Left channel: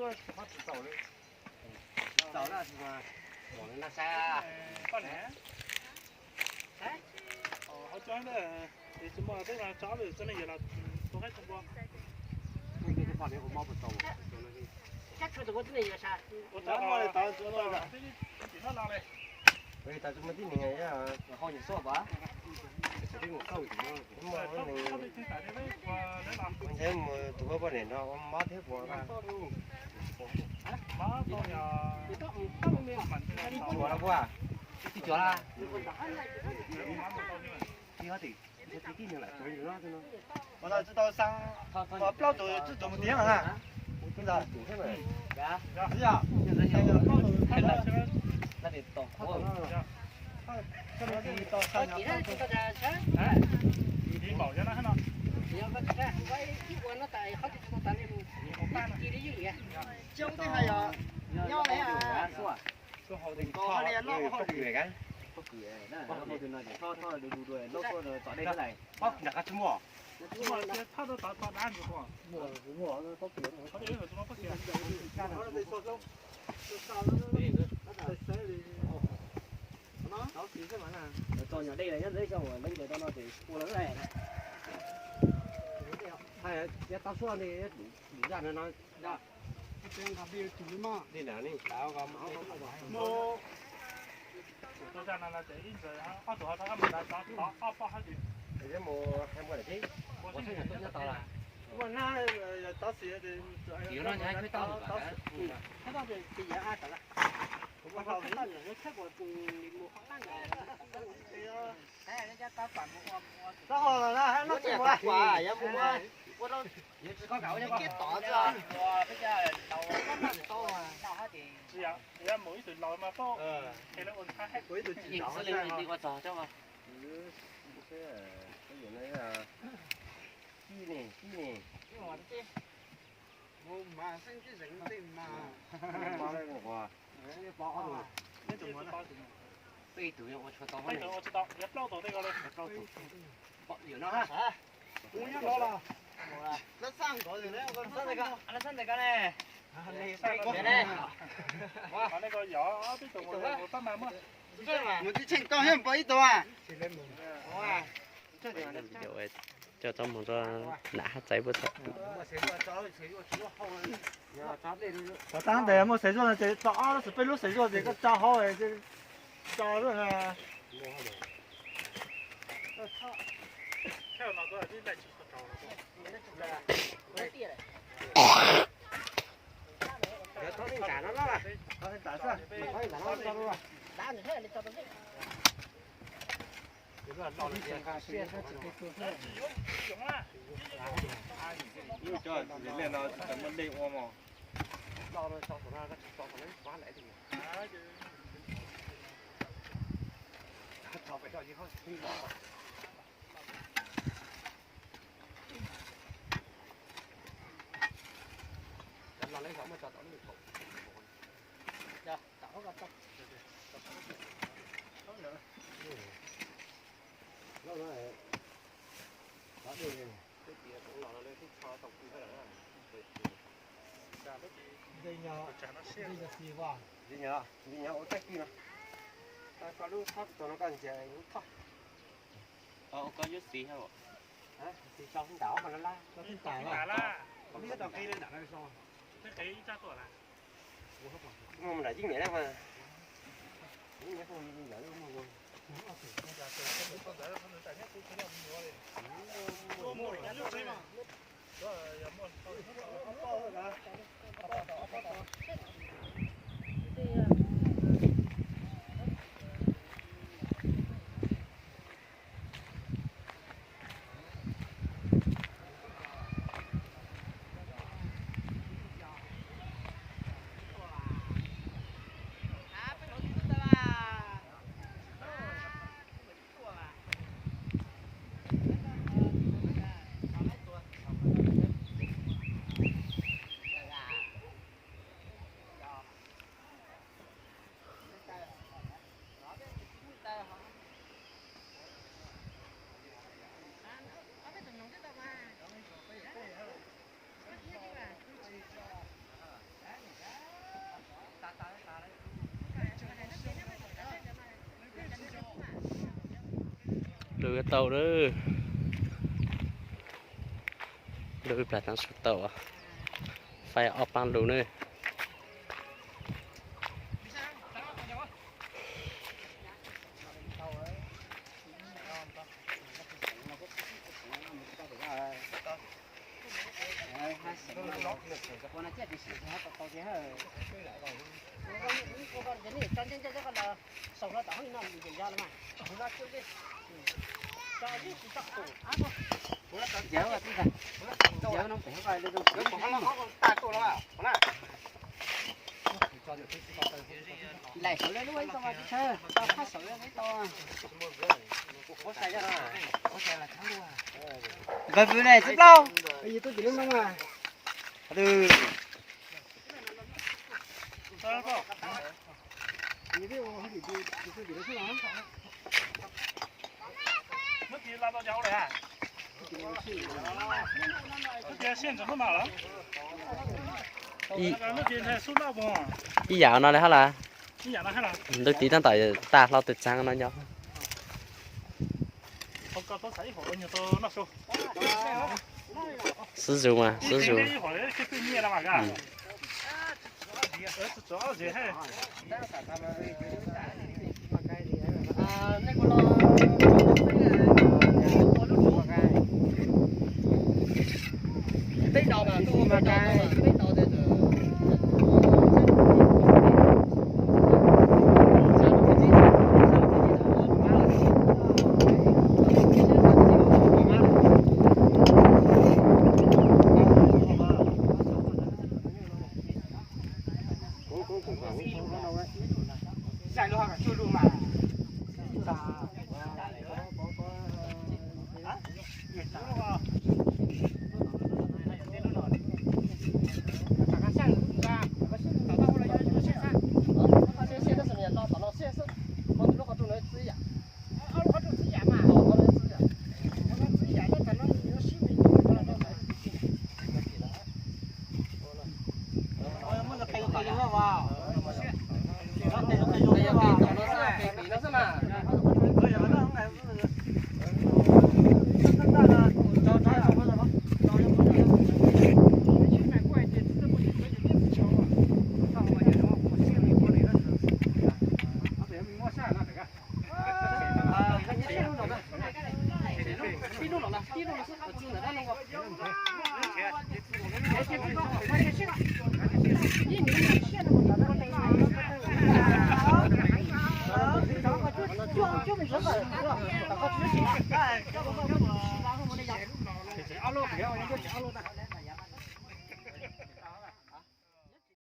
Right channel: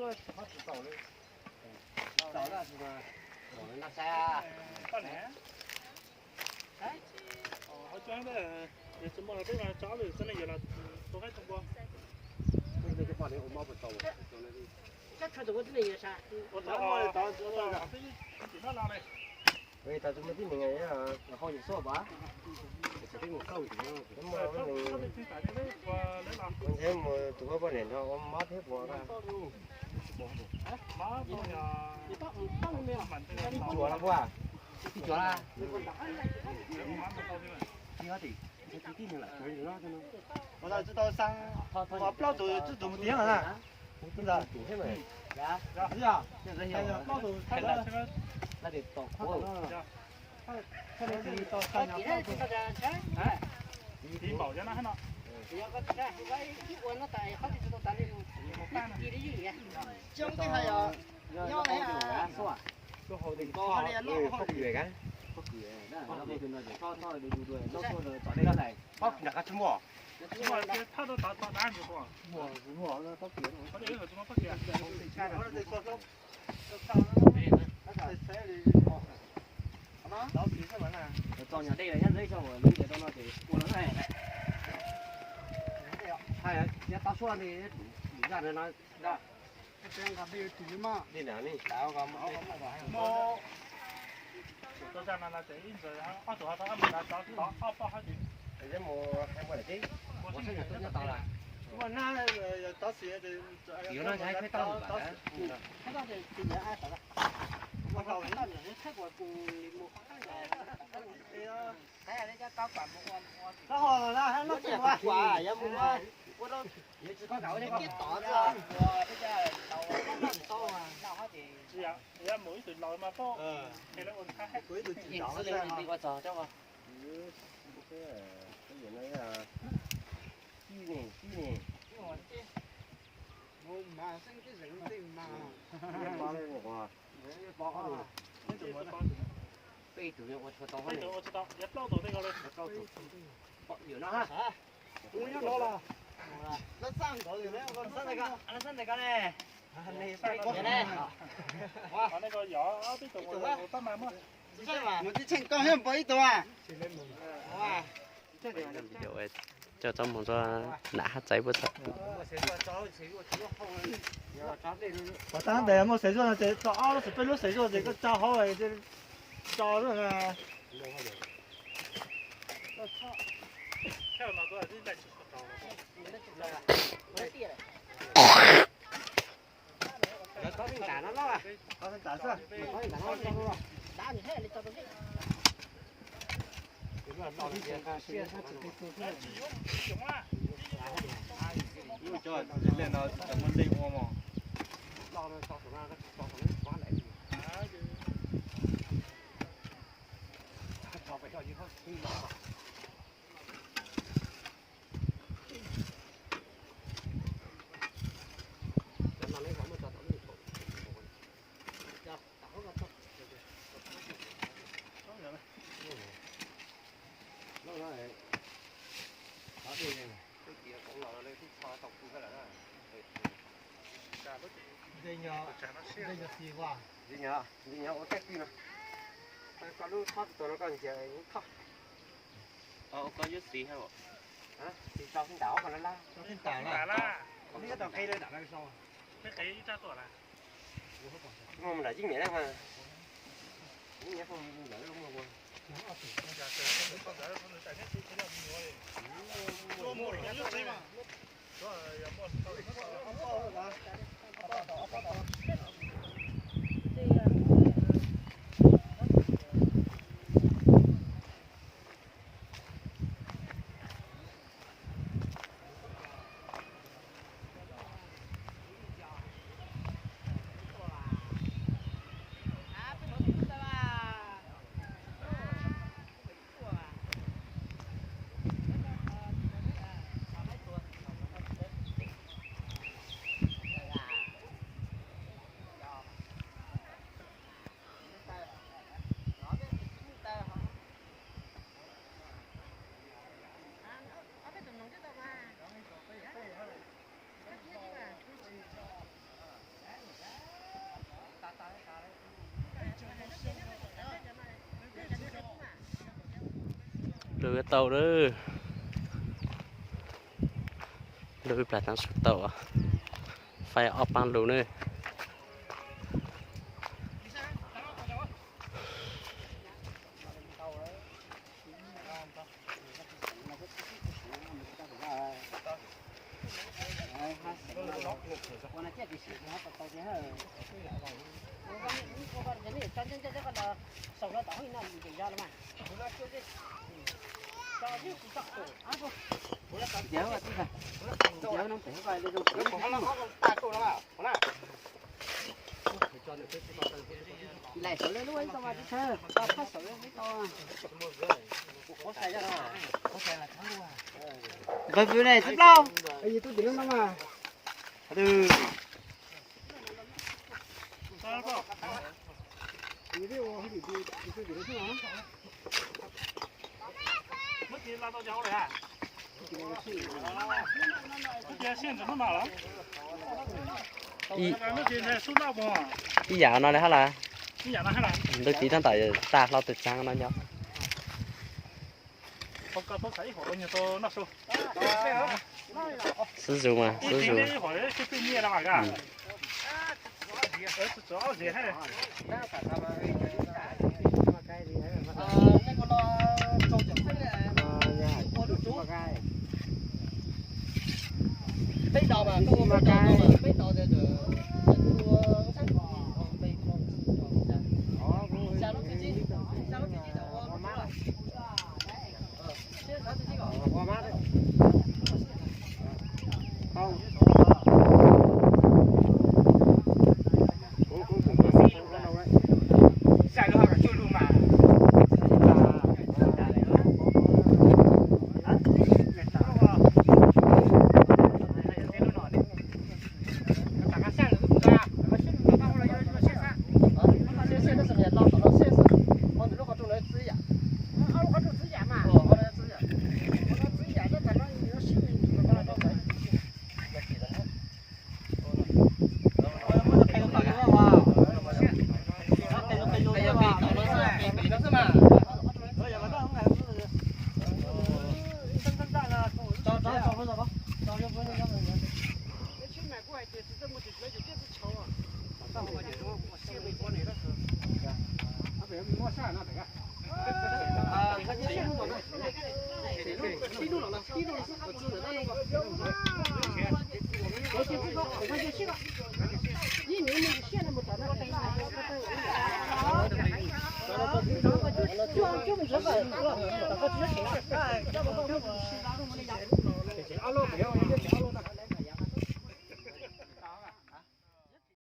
说他只走了，走了是吧？我们那啥，半年。哎，哦，好讲的，怎么这个找的真的有了，都还通过。那个就半年我妈不走，走那个。这车子我真的有啥？我找我的找知道了，这电脑拿来。喂，但係咁啲另外一樣，然後你說吧，這個夠點啊？咁啊，我睇冇做咗半年咯，我媽睇過啦。媽當呀，你到沒有？做啦啩？đi chỗ là我哪知道上我标都这怎么点了啊？真的，dạ 是啊，那个标都他那这个，那得倒他锅到那了，他那个到好几天就到这车，哎，你毛着呢还呢？要个车，我一晚上带好几只都带来路，地里有盐，交的还要来啊，是吧？都好定搞好的弄不好的。嘅。不給，那不給那就他的對對，那說的找那個來，哦，日日做乜？我他都打哪子过？我那不给，他这个怎么不给？老皮什么呢？找人đây là nhân giới cho mình bây giờ tao nói thì cô lớn này. Hay là cái tao xóa này đủ ra nó nói.这样他没有猪嘛？呢兩年搞咁，我都在那这一直啊做下他们来打包好的。而家冇睇冇嚟機，我現在都要到了。我那打死也得。有那還可以到你吧？看到这也按啥了？我看到人家泰国公里木花干的，哎，人家打板木我。打好了，那还我这弄瓜也不瓜，我都也只搞搞的你吧。打着，我这家老那多啊，老好的。是啊，人家每一段路嘛都，其實我睇每一段影視你俾我找咗嘛？即原來啊，知呢，我馬上就認定嘛。媽咧我話，你包下度，呢度冇得。背對我出到呢度我知道，一包到呢個咧，一包到。有那哈？我拿到了。那三個人呢？我那三個，那三個呢？你三個呢？啊，那個有啊，呢度我不買麼？我之前高興不一多啊。Quay video ấy cho cháu muốn cho nã hát cháy bớt sợ. Và tao để một sấy rồi thì cho nó sẽ lúc sấy rồi thì có cho họ thì cho rồi à. Theo nó có cái này chỉ có tàu có những cả nó đó. có cái tàu sao? Có những cả nó cho luôn. Đá như thế là cho tôi biết.因為做練到怎麼地我嘛，到了到手上，到手上抓来的。他找不着以後可以弄嘛。拿來什麼？找到那個頭。呀，打個頭。nó nói là ở đây này, cái kia cũng là đây thích cho tổng cũng phải là đây nhà xì hoa. gì nhỉ, ở cách kia, ta có lúc thoát tụi nó còn chạy thoát, Có dưới xí hay không? hả, thì sao không đảo mà nó la, Đá la. không biết tao cây lên đảo là sao, Cái cây ra tuổi là. nhưng mà đã dính nhẹ lắm mà, dính nhẹ không dính nhẹ đúng không? lùi cái tàu đó lùi phải thằng sụt tàu à phải ốp bằng lùi nữa lại sợi lên luôn tao mà chơi tao phát sợi lên tao có sợi ra có sợi là thắng luôn cái vụ này rất lâu bây giờ tôi chỉ đứng mà từ mất gì là tao cháu rồi à cái线怎么买了mất gì này số nào không ý dạo nó đấy hả là cái nhà nó hay là đôi tí thằng tại ta lo tự sang nó nhau không có tôi thấy họ nhiều tôi nó số sử dụng mà sử dụng cái hỏi cái tự nhiên là cả chỗ gì hay bây giờ mà có bây giờ thì Hãy subscribe cho kênh Ghiền Mì Gõ để không bỏ lỡ những video hấp dẫn.